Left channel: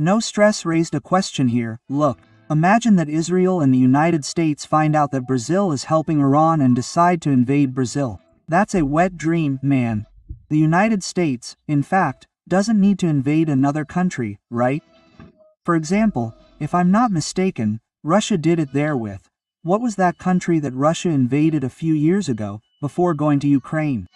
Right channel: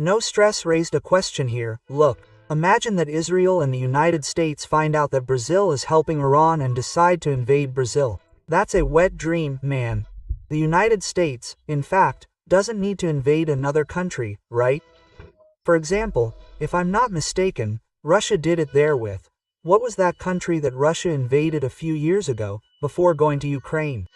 No stress raised a question here. Look, imagine that Israel and the United States find out that Brazil is helping Iran and decide to invade Brazil. That's a wet dream, man. The United States, in fact, doesn't need to invade another country, right? For example, if I'm not mistaken, Russia did it there with. What was that country that Russia invaded a few years ago, before going to Ukraine?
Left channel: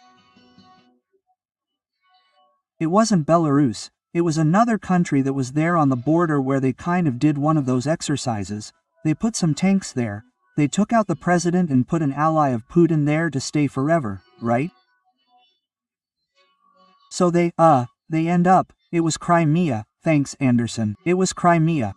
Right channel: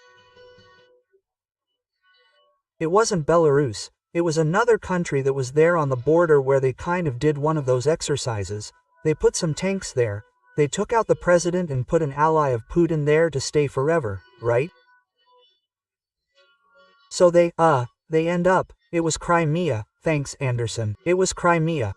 It wasn't Belarus, it was another country that was there on the border where they kind of did one of those exercises. They put some tanks there, they took out the president and put an ally of Putin there to stay forever, right? So they end up, it was Crimea, thanks Anderson, it was Crimea.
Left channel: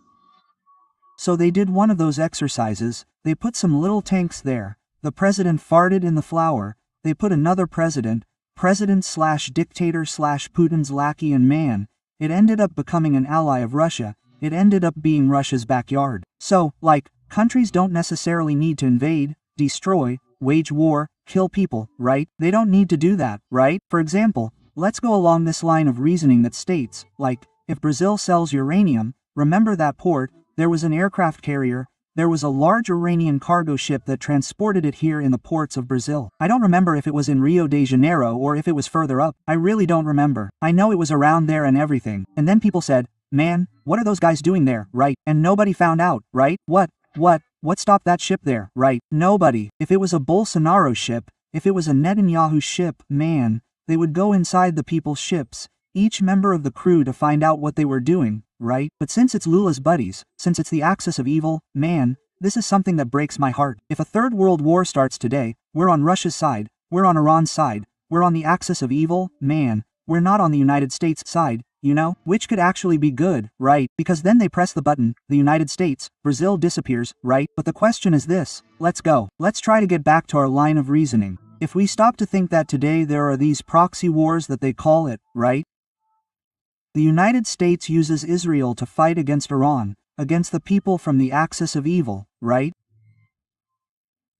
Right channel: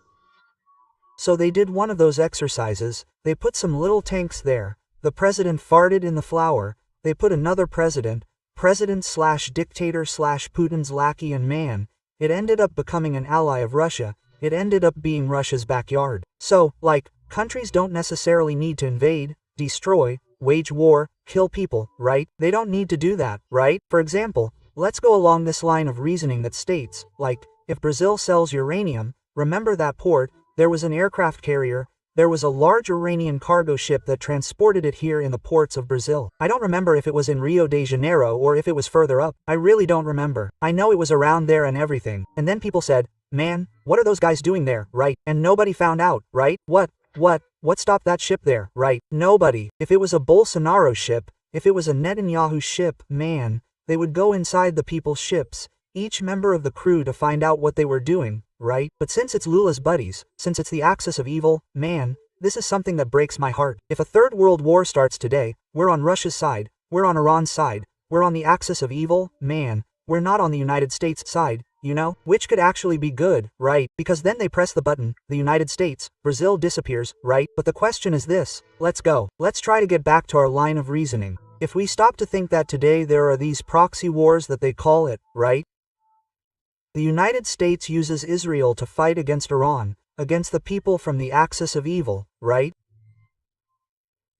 So they did one of those exercises, they put some little tanks there, the president farted in the flour, they put another president/dictator/Putin's lackey, and man, it ended up becoming an ally of Russia, it ended up being Russia's backyard. So, like, countries don't necessarily need to invade, destroy, wage war, kill people, right? They don't need to do that, right? For example, let's go along this line of reasoning that states, like, if Brazil sells uranium, remember that port, there was an aircraft carrier, there was a large Iranian cargo ship that transported it here in the ports of Brazil. I don't remember if it was in Rio de Janeiro or if it was further up. I really don't remember. I know it was around there and everything. And then people said, man, what are those guys doing there, right? And nobody found out, right? What stopped that ship there, right? Nobody. If it was a Bolsonaro ship, if it was a Netanyahu ship, man, they would go inside the people's ships, each member of the crew, to find out what they were doing, right? But since it's Lula's buddies, since it's the axis of evil, man, this is something that breaks my heart. If a third world war starts today, we're on Russia's side, we're on Iran's side, we're on the axis of evil, man, we're not on the United States' side, you know? Which could actually be good, right? Because then they press the button, the United States, Brazil disappears, right? But the question is this, let's go. Let's try to get back to our line of reasoning. If we stop to think that today there are these proxy wars that they call it, right? The United States uses Israel to fight against Iran, against the people from the axis of evil, right?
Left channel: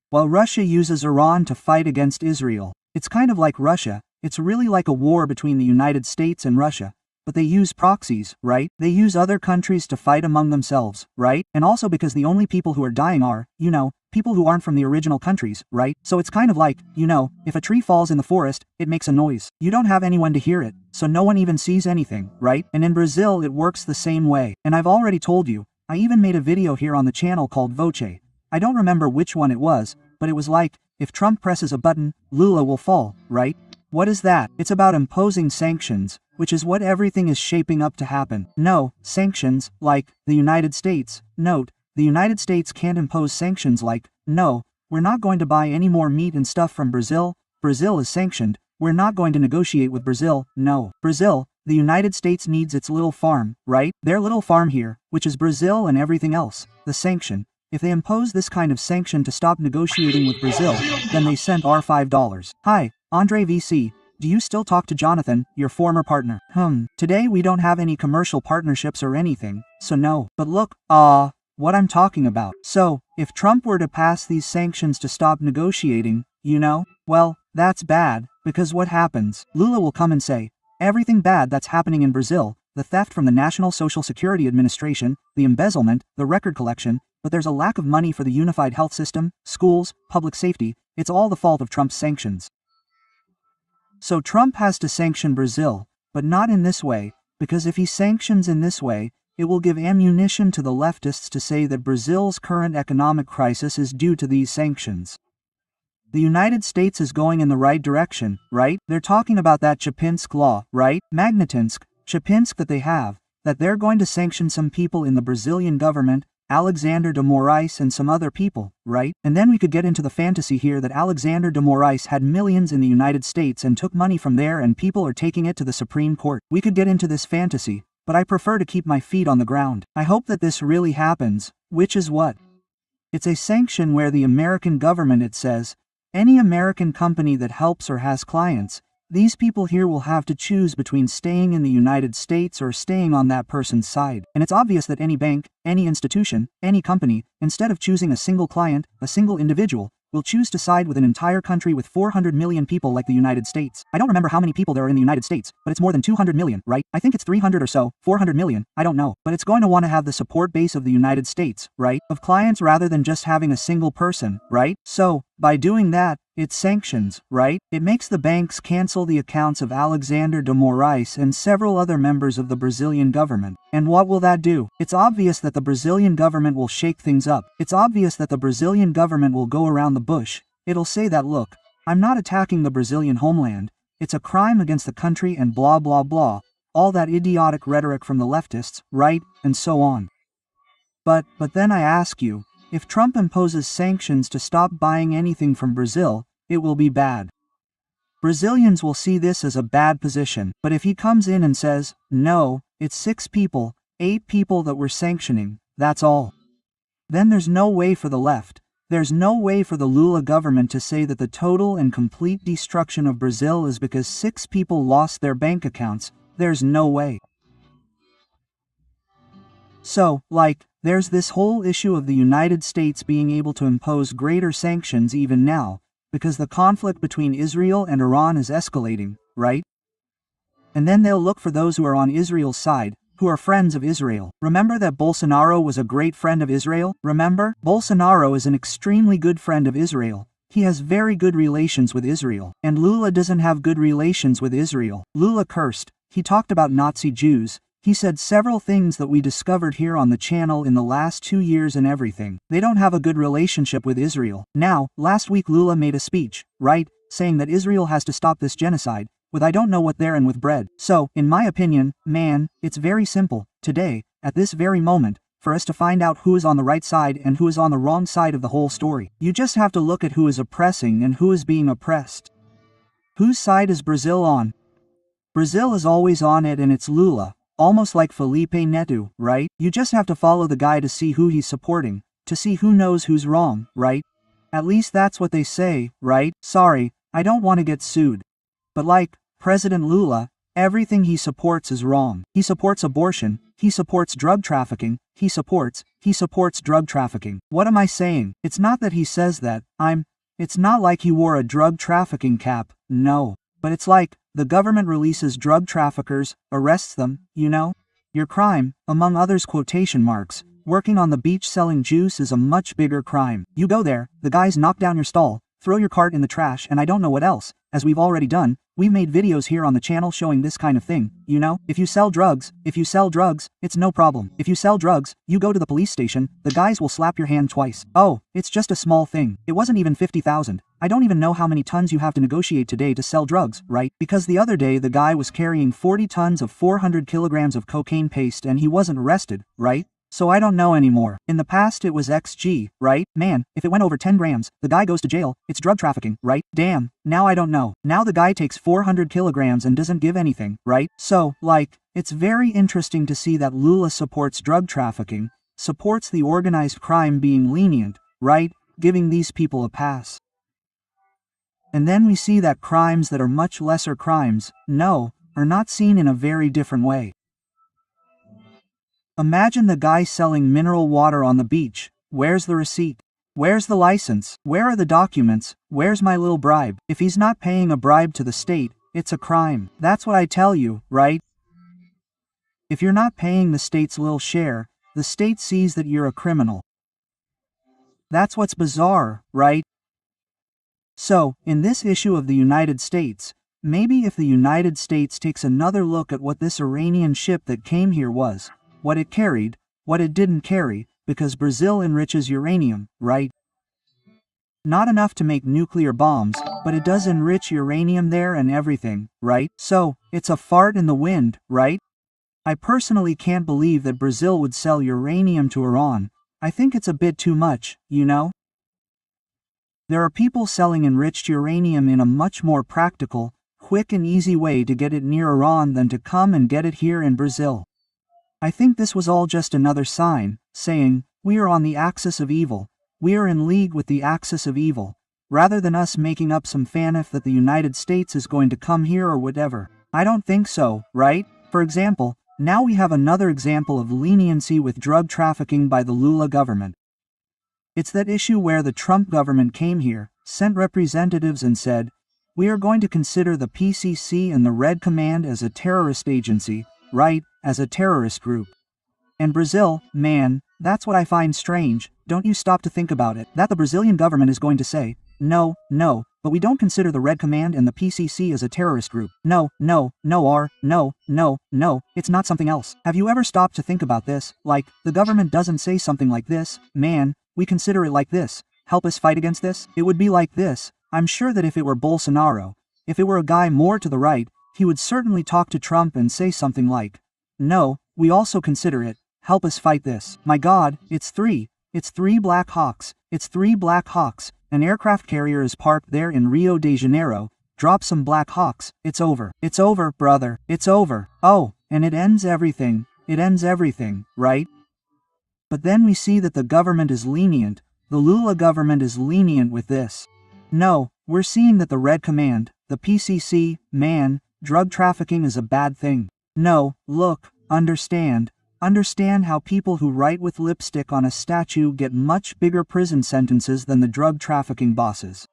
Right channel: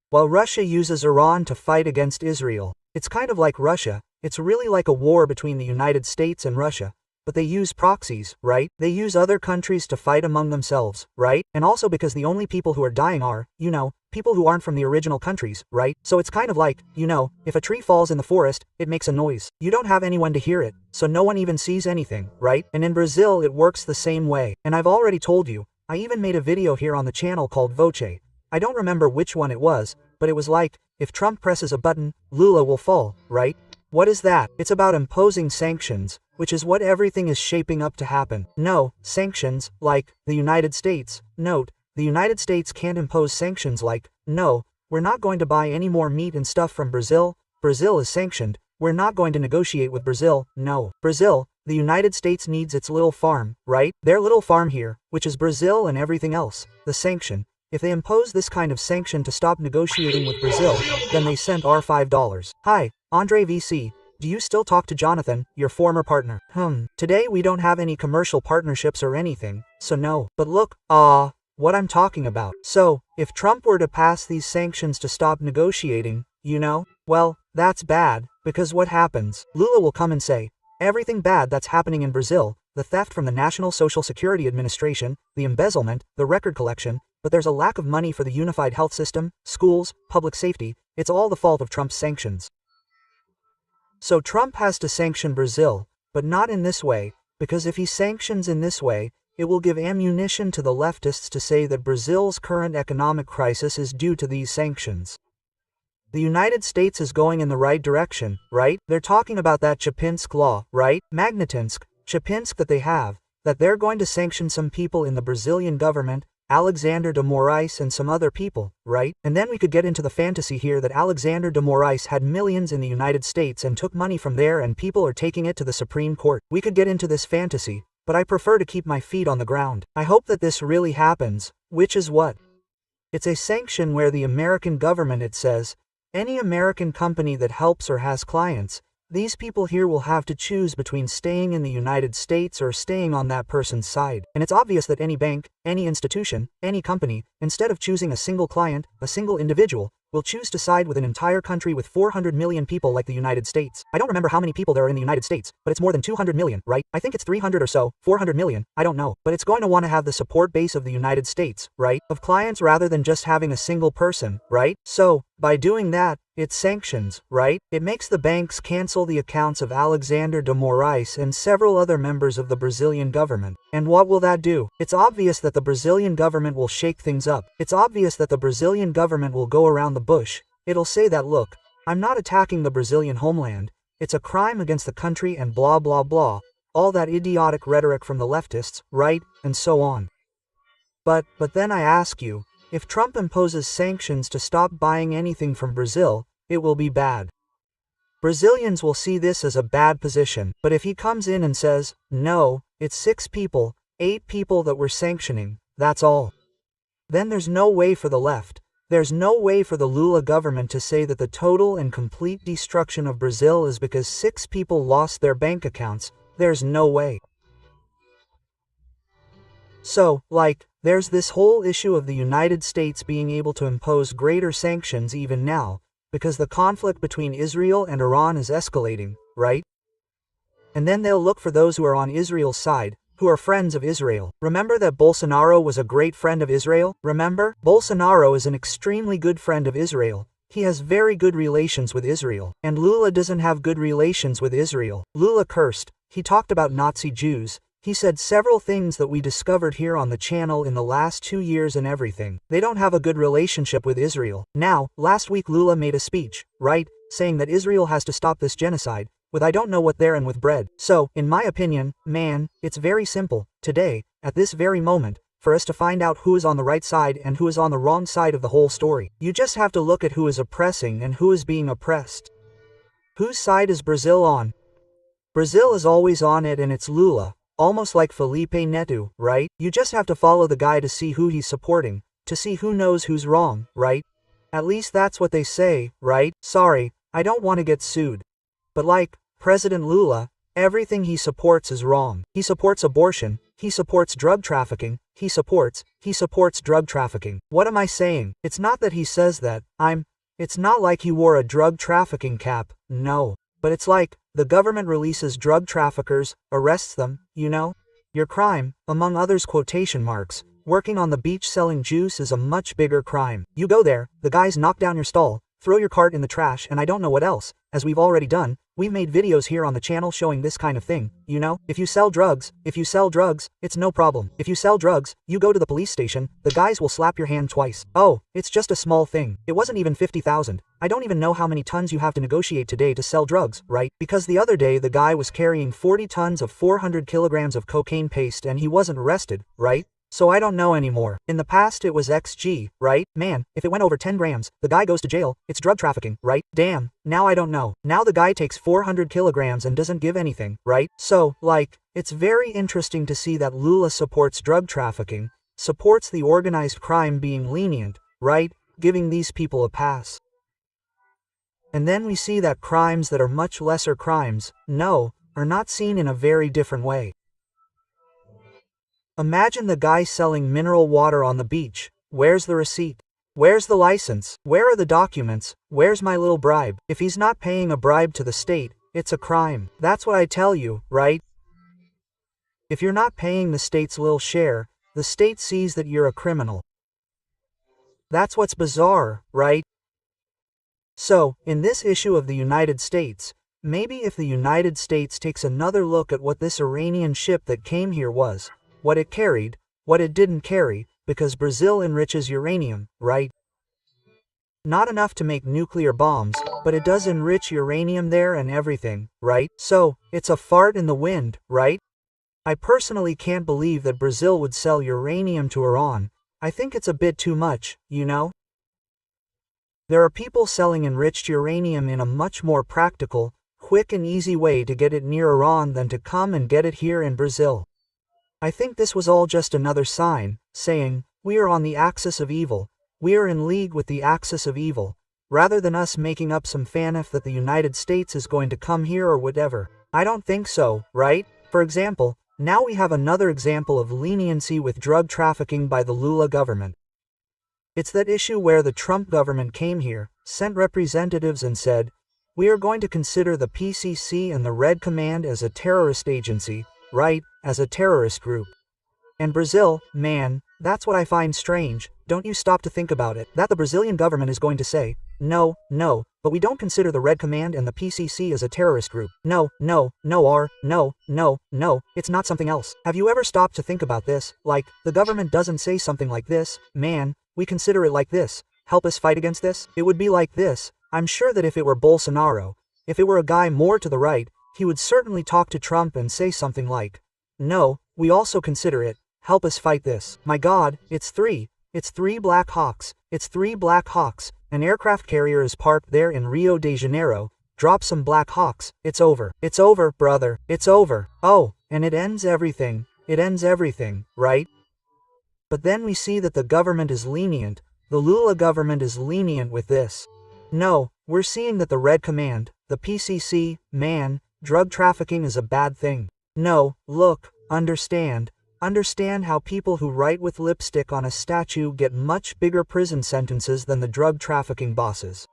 While Russia uses Iran to fight against Israel. It's kind of like Russia, it's really like a war between the United States and Russia. But they use proxies, right? They use other countries to fight among themselves, right? And also because the only people who are dying are, you know, people who aren't from the original countries, right? So it's kind of like, you know, if a tree falls in the forest, it makes a noise. You don't have anyone to hear it, so no one even sees anything, right? And in Brazil it works the same way. And I've already told you, I even made a video here on the channel called Voce. I don't remember which one it was, but it was like, if Trump presses a button, Lula will fall, right? What is that? It's about imposing sanctions, which is what everything is shaping up to happen. No, sanctions, like, the United States. Note, the United States can't impose sanctions like, no, we're not going to buy any more meat and stuff from Brazil, Brazil is sanctioned, we're not going to negotiate with Brazil, no. Brazil, the United States needs its little farm, right? Their little farm here, which is Brazil and everything else, the sanction. If they impose this kind of sanction to stop negotiating with Brazil, then they sent our $5. Hi, Andre VC. Do you still talk to Jonathan, your former partner? Today we don't have any commercial partnerships or anything, so no. But look, what I'm talking about. So, if Trump were to pass these sanctions to stop negotiating, you know, well, that's bad, because what happens? Lula will come and say, everything bad that's happening in Brazil, the theft from the National Social Security Administration, the embezzlement, the record collection, but there's a lack of money for the unified health system, schools, public safety, it's all the fault of Trump's sanctions. So Trump has to sanction Brazil, but not in this way, because if he sanctions in this way, it will give ammunition to the leftists to say that Brazil's current economic crisis is due to these sanctions. The United States is going in the right direction, right? They're talking about that Chapinsk law, right? Magnetinsk, Chapinsk that they have, that they're going to sanction some people in the Brazilian government, Alexander de Moraes and some other people, right? And then we could get into the fantasy here that Alexander de Moraes had millions in the United States and took money from there and people are taking it to the Supreme Court. We could get into this fantasy, but I prefer to keep my feet on the ground. I hope that this really happens, which is what? It's a sanction where the American government, it says, any American company that helps or has clients, these people here will have to choose between staying in the United States or staying on that person's side. And it's obvious that any bank, any institution, any company, instead of choosing a single client, a single individual, will choose to side with an entire country with 400 million people like the United States. I don't remember how many people there are in the United States, but it's more than 200 million, right? I think it's 300 or so, 400 million, I don't know. But it's going to want to have the support base of the United States, right? Of clients rather than just having a single person, right? So, by doing that, it sanctions, right? It makes the banks cancel the accounts of Alexander de Moraes and several other members of the Brazilian government. And what will that do? It's obvious that the Brazilian government will shake things up. It's obvious that the Brazilian government will go around the bush. It'll say that, look, I'm not attacking the Brazilian homeland. It's a crime against the country and blah blah blah. All that idiotic rhetoric from the leftists, right? And so on. But then I ask you, if Trump imposes sanctions to stop buying anything from Brazil, it will be bad. Brazilians will see this as a bad position, but if he comes in and says, no, it's 6 people, 8 people that we're sanctioning, that's all. Then there's no way for the left. There's no way for the Lula government to say that the total and complete destruction of Brazil is because 6 people lost their bank accounts. There's no way. So, there's this whole issue of the United States being able to impose greater sanctions even now, because the conflict between Israel and Iran is escalating, right? And then they'll look for those who are on Israel's side, who are friends of Israel. Remember that Bolsonaro was a great friend of Israel? Remember? Bolsonaro is an extremely good friend of Israel. He has very good relations with Israel. And Lula doesn't have good relations with Israel. Lula cursed. He talked about Nazi Jews. He said several things that we discovered here on the channel in the last 2 years and everything. They don't have a good relationship with Israel. Now, last week Lula made a speech, right, saying that Israel has to stop this genocide, with I don't know what there and with bread. So, in my opinion, man, it's very simple, today, at this very moment, for us to find out who is on the right side and who is on the wrong side of the whole story. You just have to look at who is oppressing and who is being oppressed. Whose side is Brazil on? Brazil is always on it, and it's Lula. Almost like Felipe Neto, right? You just have to follow the guy to see who he's supporting, to see who knows who's wrong, right? At least that's what they say, right? Sorry, I don't want to get sued. But President Lula, everything he supports is wrong. He supports abortion, he supports drug trafficking, he supports drug trafficking. What am I saying? It's not that he says that, it's not like he wore a drug trafficking cap, no. But it's like, the government releases drug traffickers, arrests them, you know? Your crime, among others quotation marks, working on the beach selling juice is a much bigger crime. You go there, the guys knock down your stall, throw your cart in the trash, and I don't know what else. As we've already done, we've made videos here on the channel showing this kind of thing, you know? If you sell drugs, it's no problem. If you sell drugs, you go to the police station, the guys will slap your hand twice. Oh, it's just a small thing. It wasn't even 50,000. I don't even know how many tons you have to negotiate today to sell drugs, right? Because the other day the guy was carrying 40 tons of 400 kilograms of cocaine paste and he wasn't arrested, right? So I don't know anymore. In the past it was XG, right? Man, if it went over 10 grams, the guy goes to jail, it's drug trafficking, right? Damn, now I don't know. Now the guy takes 400 kilograms and doesn't give anything, right? So, it's very interesting to see that Lula supports drug trafficking, supports the organized crime being lenient, right? Giving these people a pass. And then we see that crimes that are much lesser crimes, are not seen in a very different way. Imagine the guy selling mineral water on the beach. Where's the receipt? Where's the license? Where are the documents? Where's my little bribe? If he's not paying a bribe to the state, it's a crime. That's what I tell you, right? If you're not paying the state's little share, the state sees that you're a criminal. That's what's bizarre, right? So, in this issue of the United States, maybe if the United States takes another look at what this Iranian ship that came here was, what it carried, what it didn't carry, because Brazil enriches uranium, right? Not enough to make nuclear bombs, but it does enrich uranium there and everything, right? So, it's a fart in the wind, right? I personally can't believe that Brazil would sell uranium to Iran. I think it's a bit too much, you know? There are people selling enriched uranium in a much more practical, quick and easy way to get it near Iran than to come and get it here in Brazil. I think this was all just another sign, saying, we are on the axis of evil, we are in league with the axis of evil, rather than us making up some fanif that the United States is going to come here or whatever. I don't think so, right? For example, now we have another example of leniency with drug trafficking by the Lula government. It's that issue where the Trump government came here, sent representatives and said, we are going to consider the PCC and the Red Command as a terrorist agency, right, as a terrorist group. And Brazil, man, that's what I find strange, don't you stop to think about it, that the Brazilian government is going to say, no, but we don't consider the Red Command and the PCC as a terrorist group. No, it's not something else. Have you ever stopped to think about this? Like, the government doesn't say something like this, man, we consider it like this, help us fight against this? It would be like this. I'm sure that if it were Bolsonaro, if it were a guy more to the right, he would certainly talk to Trump and say something like, no, we also consider it, help us fight this. My God, it's three Black Hawks, an aircraft carrier is parked there in Rio de Janeiro, drop some Black Hawks, it's over, brother, it's over, oh, and it ends everything, right? But then we see that the government is lenient, the Lula government is lenient with this. No, we're seeing that the Red Command, the PCC, man, drug trafficking is a bad thing. No, look, understand how people who write with lipstick on a statue get much bigger prison sentences than the drug trafficking bosses.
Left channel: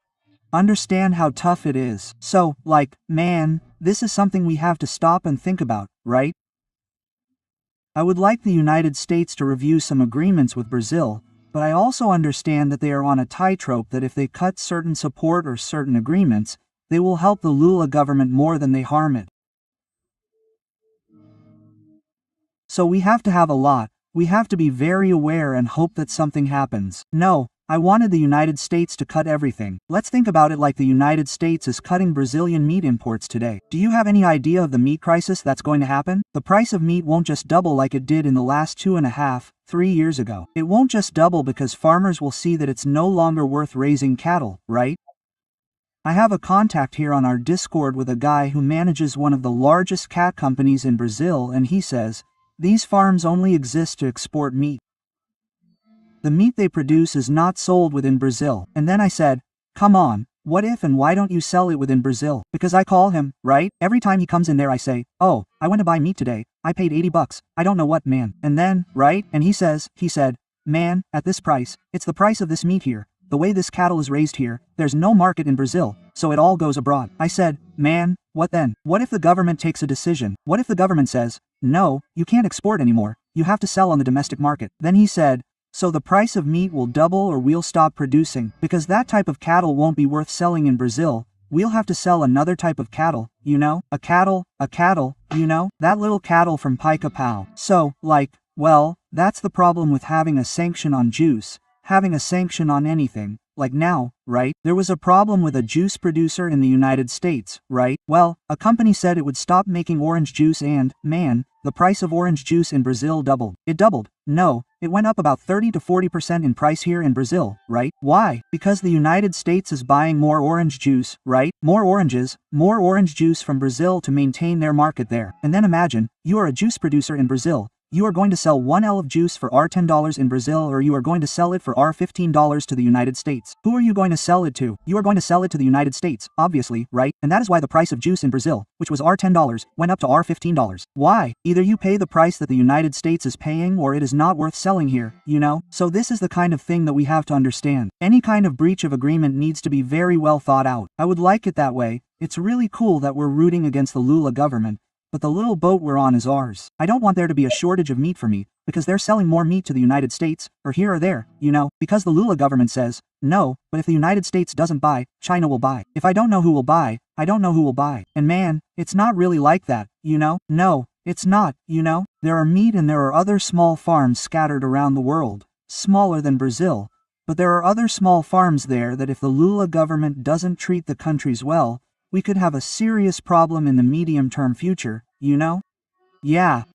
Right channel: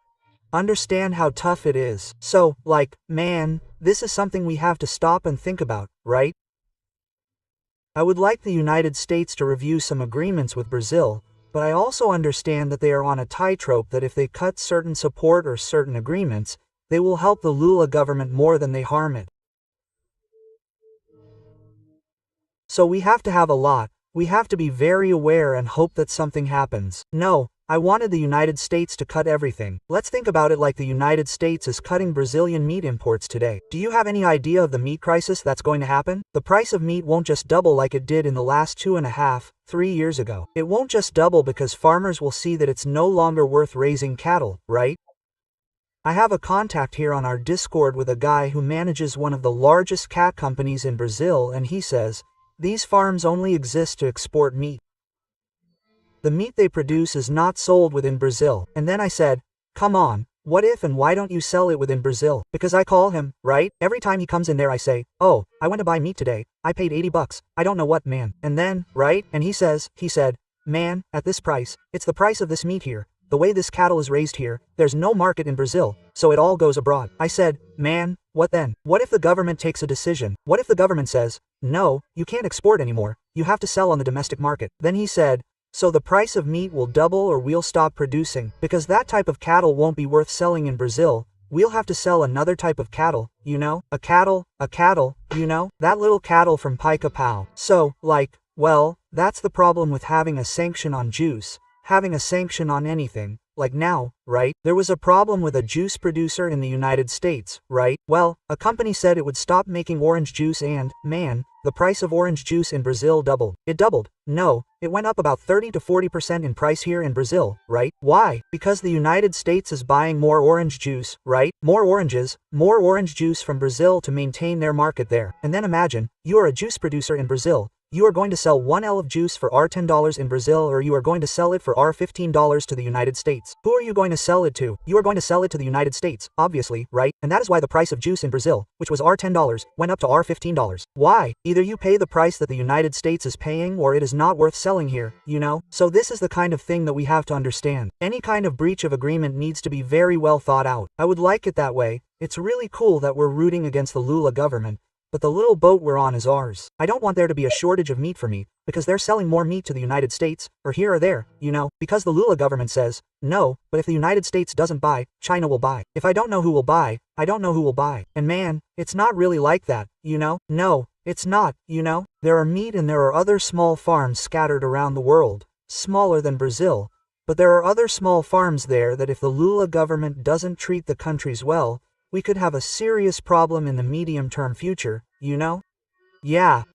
Understand how tough it is. So, like, man, this is something we have to stop and think about, right? I would like the United States to review some agreements with Brazil, but I also understand that they are on a tightrope that if they cut certain support or certain agreements, they will help the Lula government more than they harm it. So we have to have a lot, we have to be very aware and hope that something happens. No, I wanted the United States to cut everything. Let's think about it like the United States is cutting Brazilian meat imports today. Do you have any idea of the meat crisis that's going to happen? The price of meat won't just double like it did in the last 2.5, 3 years ago. It won't just double because farmers will see that it's no longer worth raising cattle, right? I have a contact here on our Discord with a guy who manages one of the largest cat companies in Brazil, and he says, these farms only exist to export meat. The meat they produce is not sold within Brazil. And then I said, come on, what if and why don't you sell it within Brazil? Because I call him, right? Every time he comes in there I say, oh, I went to buy meat today, I paid $80, I don't know what, man. And then, right? And he said, man, at this price, it's the price of this meat here. The way this cattle is raised here, there's no market in Brazil, so it all goes abroad. I said, man, what then? What if the government takes a decision? What if the government says, no, you can't export anymore, you have to sell on the domestic market? Then he said, so the price of meat will double or we'll stop producing, because that type of cattle won't be worth selling in Brazil, we'll have to sell another type of cattle, you know? A cattle, you know? That little cattle from Pica-Pau. So, like, well, that's the problem with having a sanction on juice, having a sanction on anything, like now, right? There was a problem with a juice producer in the United States, right? Well, a company said it would stop making orange juice and, man, the price of orange juice in Brazil doubled. It doubled. No, it went up about 30 to 40% in price here in Brazil, right? Why? Because the United States is buying more orange juice, right? More orange juice from Brazil to maintain their market there. And then imagine, you are a juice producer in Brazil. You are going to sell 1 L of juice for $10 in Brazil, or you are going to sell it for $15 to the United States. Who are you going to sell it to? You are going to sell it to the United States, obviously, right? And that is why the price of juice in Brazil, which was $10, went up to $15. Why? Either you pay the price that the United States is paying or it is not worth selling here, you know? So this is the kind of thing that we have to understand. Any kind of breach of agreement needs to be very well thought out. I would like it that way. It's really cool that we're rooting against the Lula government, but the little boat we're on is ours. I don't want there to be a shortage of meat for me, because they're selling more meat to the United States, or here or there, you know, because the Lula government says, no, but if the United States doesn't buy, China will buy. If I don't know who will buy, I don't know who will buy. And man, it's not really like that, you know? No, it's not, you know? There are meat and there are other small farms scattered around the world, smaller than Brazil, but there are other small farms there that if the Lula government doesn't treat the countries well, we could have a serious problem in the medium-term future, you know? Yeah,